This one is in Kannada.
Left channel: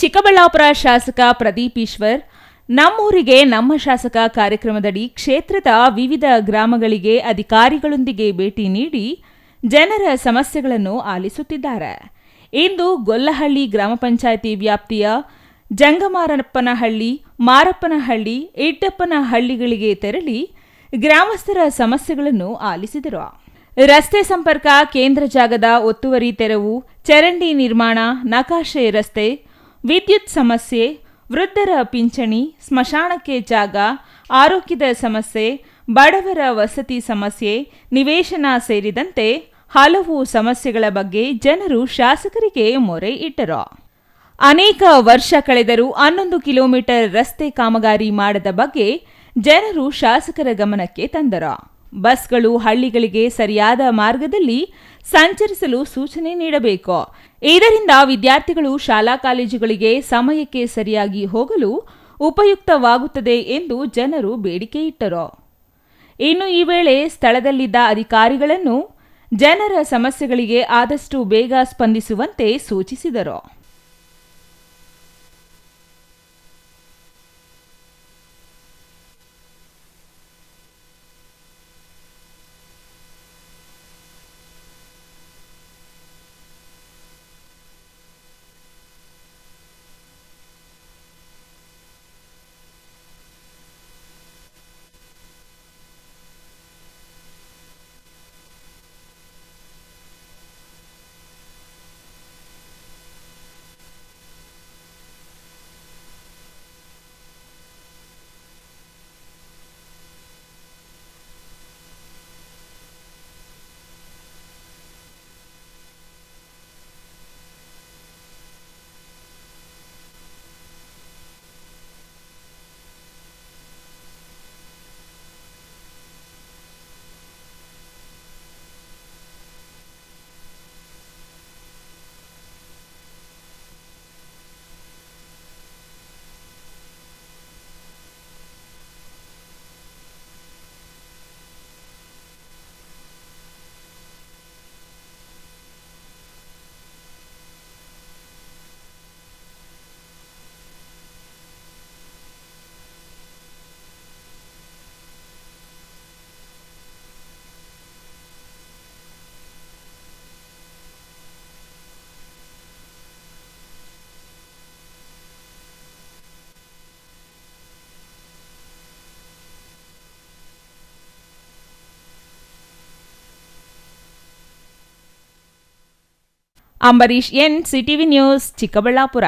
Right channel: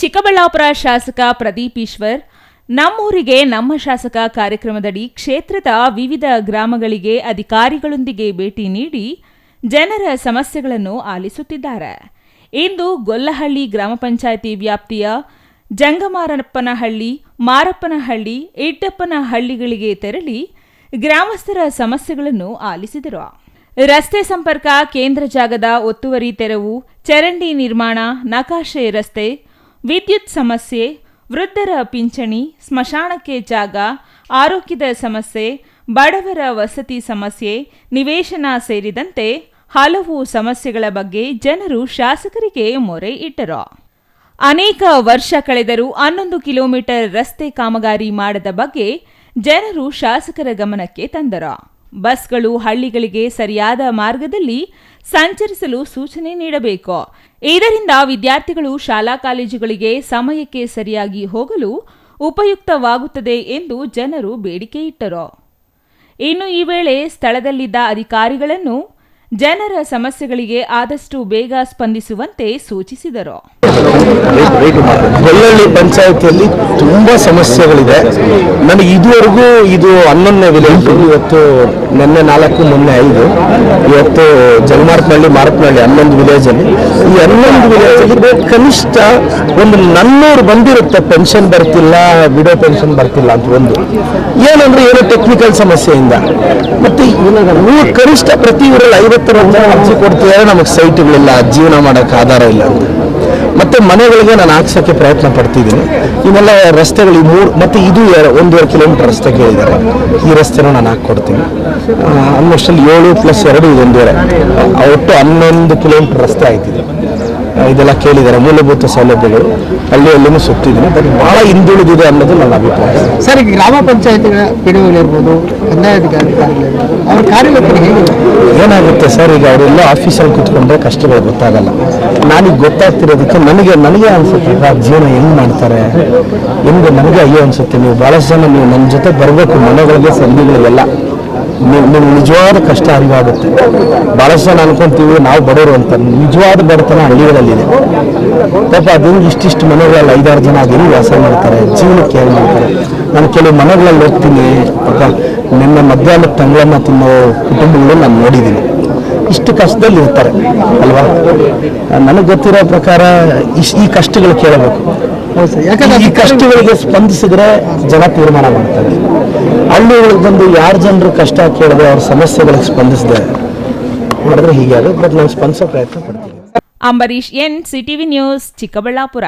ಚಿಕ್ಕಬಳ್ಳಾಪುರ ಶಾಸಕ ಪ್ರದೀಪ್ ಈಶ್ವರ್ ನಮ್ಮೂರಿಗೆ ನಮ್ಮ ಶಾಸಕ ಕಾರ್ಯಕ್ರಮದಡಿ ಕ್ಷೇತ್ರದ ವಿವಿಧ ಗ್ರಾಮಗಳಿಗೆ ಅಧಿಕಾರಿಗಳೊಂದಿಗೆ ಭೇಟಿ ನೀಡಿ ಜನರ ಸಮಸ್ಯೆಗಳನ್ನು ಆಲಿಸುತ್ತಿದ್ದಾರೆ. ಇಂದು ಗೊಲ್ಲಹಳ್ಳಿ ಗ್ರಾಮ ಪಂಚಾಯಿತಿ ವ್ಯಾಪ್ತಿಯ ಜಂಗಮಾರಪ್ಪನಹಳ್ಳಿ, ಮಾರಪ್ಪನಹಳ್ಳಿ, ಇಟ್ಟಪ್ಪನಹಳ್ಳಿಗಳಿಗೆ ತೆರಳಿ ಗ್ರಾಮಸ್ಥರ ಸಮಸ್ಯೆಗಳನ್ನು ಆಲಿಸಿದರು. ರಸ್ತೆ ಸಂಪರ್ಕ, ಕೇಂದ್ರ ಜಾಗದ ಒತ್ತುವರಿ ತೆರವು, ಚರಂಡಿ ನಿರ್ಮಾಣ, ನಕಾಶೆ ರಸ್ತೆ, ವಿದ್ಯುತ್ ಸಮಸ್ಯೆ, ವೃದ್ಧರ ಪಿಂಚಣಿ, ಸ್ಮಶಾನಕ್ಕೆ ಜಾಗ, ಆರೋಗ್ಯದ ಸಮಸ್ಯೆ, ಬಡವರ ವಸತಿ ಸಮಸ್ಯೆ, ನಿವೇಶನ ಸೇರಿದಂತೆ ಹಲವು ಸಮಸ್ಯೆಗಳ ಬಗ್ಗೆ ಜನರು ಶಾಸಕರಿಗೆ ಮೊರೆ ಇಟ್ಟರು. ಅನೇಕ ವರ್ಷ ಕಳೆದರೂ 11 ಕಿಲೋಮೀಟರ್ ರಸ್ತೆ ಕಾಮಗಾರಿ ಮಾಡದ ಬಗ್ಗೆ ಜನರು ಶಾಸಕರ ಗಮನಕ್ಕೆ ತಂದರು. ಬಸ್ಗಳು ಹಳ್ಳಿಗಳಿಗೆ ಸರಿಯಾದ ಮಾರ್ಗದಲ್ಲಿ ಸಂಚರಿಸಲು ಸೂಚನೆ ನೀಡಬೇಕು. ಇದರಿಂದ ವಿದ್ಯಾರ್ಥಿಗಳು ಶಾಲಾ ಕಾಲೇಜುಗಳಿಗೆ ಸಮಯಕ್ಕೆ ಸರಿಯಾಗಿ ಹೋಗಲು ಉಪಯುಕ್ತವಾಗುತ್ತದೆ ಎಂದು ಜನರು ಬೇಡಿಕೆ ಇಟ್ಟರು. ಇನ್ನು ಈ ವೇಳೆ ಸ್ಥಳದಲ್ಲಿದ್ದ ಅಧಿಕಾರಿಗಳನ್ನು ಜನರ ಸಮಸ್ಯೆಗಳಿಗೆ ಆದಷ್ಟು ಬೇಗ ಸ್ಪಂದಿಸುವಂತೆ ಸೂಚಿಸಿದರು. ಗೊಲ್ಲಹಳ್ಳಿ ಪಂಚಾಯತಿಯಲ್ಲಿ ತುಂಬಾ ಸಮಸ್ಯೆಗಳಿದೆ. ನನಗೆ ಇದುವರೆಗೂ ಇದು 11ನೇ ವಿಲೇಜ್. ಇವತ್ತು ನಿನ್ನೆ 4, ಮೊನ್ನೆ 5, ಇವತ್ತು ಜಂಗಮಾರಪ್ಪನಹಳ್ಳಿ, ಮಾರಪ್ಪನಹಳ್ಳಿ 11 ವಿಲೇಜಲ್ಲಿ. ಈ 11 ವಿಲೇಜಲ್ಲಿ ಕನಿಷ್ಠ ಒಂದು 400 ಬಂದಿರುತ್ತೆ. ಪೆನ್ಷನ್ ಬರ್ತಿಲ್ಲ, ವಿಡೋ ಪೆನ್ಷನ್ ಬರ್ತಿಲ್ಲ ಅಂತ ಒಂದು ಏನಂದ್ರೆ ಏನೋ ಟೆಕ್ನಿಕಲ್ ಸಮಸ್ಯೆಯಿಂದ. ಮತ್ತೆ ನೀವು ಕನಿಷ್ಠ ಪ್ರತಿ ಊರಲ್ಲಿ 50 ಅರ್ಜಿ ಕೊಡ್ತಿದ್ದಾರೆ, ನಮಗೆ ಸೈಟ್ಗಳಿಲ್ಲ, ಜೀವನ ಮಾಡೋಕ್ಕೆ ಆಧಾರ ಇಲ್ಲ ಅಂತ. ಮತ್ತೆ ಮನೆಗಳಿಗೆ ನಾನು ಹಾಕ್ಸೋಕ್ಕೆ ಪ್ರಯತ್ನ ಪಡ್ತಿದ್ದೀನಿ. ಇವೆಲ್ಲ ರಸ್ತೆಗಳು ಮತ್ತೆ ಇದು 1.5 ಕಿಲೋಮೀಟರ್ ರಸ್ತೆ ಕೇಳಿದ್ದಾರೆ. ಈ ರಸ್ತೆನೂ ನಾನು ಹಾಕ್ಕೊಡ್ತೀನಿ. ಆಲ್ಮೋಸ್ಟ್ 7 + 2 ಇದು 1.5, ಒಟ್ಟು 11 ಕಿಲೋಮೀಟರ್ ರಸ್ತೆ ಆಯ್ತಿದೆ. ಇದೆಲ್ಲ ಕೇಳಿದ್ದಾರೆ. ಮೂಲಭೂತ ಸೌಲಭ್ಯಗಳು ಹಳ್ಳಿಯಲ್ಲೂ ಸುತ್ತಿದ್ದೀನಿ, ಬಟ್ ಭಾಳ ಹಿಂದುಳಿದಿದೆ ಅನ್ನೋದು ನನ್ನ ಅಭಿಪ್ರಾಯ. ಸರ್, ಈಗ ಗ್ರಾಮ ಪಂಚಾಯತಿಗಳ ಪಿಡಿಒಗಳಿರ್ಬೋದು, ಕಂದಾಯಾಧಿಕಾರಿಗಳಿರ್ಬೋದು, ಅವ್ರ ಕಾರ್ಯವೈಖರಿ ಹೇಗಿದೆ? ಏನಾಗುತ್ತೆ ಸರ್, ಈಗ ಅವರೆಲ್ಲ ಆಫೀಸಲ್ಲಿ ಕೂತ್ಕೊಂಡ್ರೆ ಕಷ್ಟಗಳು ಗೊತ್ತಾಗಲ್ಲ. ನಾನೀಗ ಗೊತ್ತಾಗ್ತಿರೋದಕ್ಕೆ ನನಗೆ ಅನಿಸುತ್ತೆ ಜೀವನ ಹೆಂಗೆ ಮಾಡ್ತಾರೆ, ನನಗೆ ಅಯ್ಯೋ ಅನಿಸುತ್ತೆ. ನೀವು ಭಾಳಷ್ಟು ಜನ ನೀವು ನನ್ನ ಜೊತೆ ಬರಬೇಕು, ಮನೆಗಳಿಗೆ ಸಂಧಿಗಳಿಗೆಲ್ಲ ನಿಮ್ಗೆ ನಿಜವಾದ ಕಷ್ಟ ಅರಿವಾಗುತ್ತೆ. ಭಾಳಷ್ಟು ಜನ ಅನ್ಕೊಂತೀವಿ ನಾವು ಬಡವರು ಅಂತ. ನಿಜವಾದ ಬಡತನ ಹಳ್ಳಿಗಳಲ್ಲಿದೆ. ಪಾಪ ಅದನ್ನು ಇಷ್ಟಿಷ್ಟು ಮನೆಗಳಲ್ಲಿ 5-6 ಜನ ಹೆಂಗೆ ವಾಸ ಮಾಡ್ತಾರೆ, ಜೀವನಕ್ಕೆ ಹೇಗೆ ಮಾಡ್ತಾರೆ. ನಾನು ಕೆಲವು ಮನೆಗಳಲ್ಲಿ ಹೋಗ್ತೀನಿ, ಪಾಪ ನಿನ್ನೆ ಮಧ್ಯಾಹ್ನದ ತಂಗಳನ್ನ ತಿನ್ನೋ ಕುಟುಂಬಗಳು ನಾನು ನೋಡಿದ್ದೀನಿ. ಇಷ್ಟು ಕಷ್ಟದಲ್ಲಿ ಇರ್ತಾರೆ ಅಲ್ವಾ. ನನಗೆ ಗೊತ್ತಿರೋ ಪ್ರಕಾರ ಈ ಕಷ್ಟಗಳು ಕೇಳಬೇಕು. ಯಾಕಂದ್ರೆ ಈ ಕಷ್ಟಗಳಿಗೆ ಸ್ಪಂದಿಸಿದ್ರೆ ಜನ ತೀರ್ಮಾನ ಮಾಡ್ತಾರೆ. ಹಳ್ಳಿಗಳಿಗೆ ಬಂದು ಯಾರು ಜನರು ಕಷ್ಟ ಕೇಳಿದ್ರೆ ಅವ್ರ ಸಮಸ್ಯೆಗಳಿಗೆ ಸ್ಪಂದಿಸಿದೆ ಮಾಡಿದ್ರೆ ಹೀಗೆ ಆಗುತ್ತೆ. ಬಟ್ ನಾನು ಸ್ಪಂದಿಸೋ ಪ್ರಯತ್ನ ಪಡ್ತೀನಿ. Ambareesh N, CTV news, Chikkaballapur.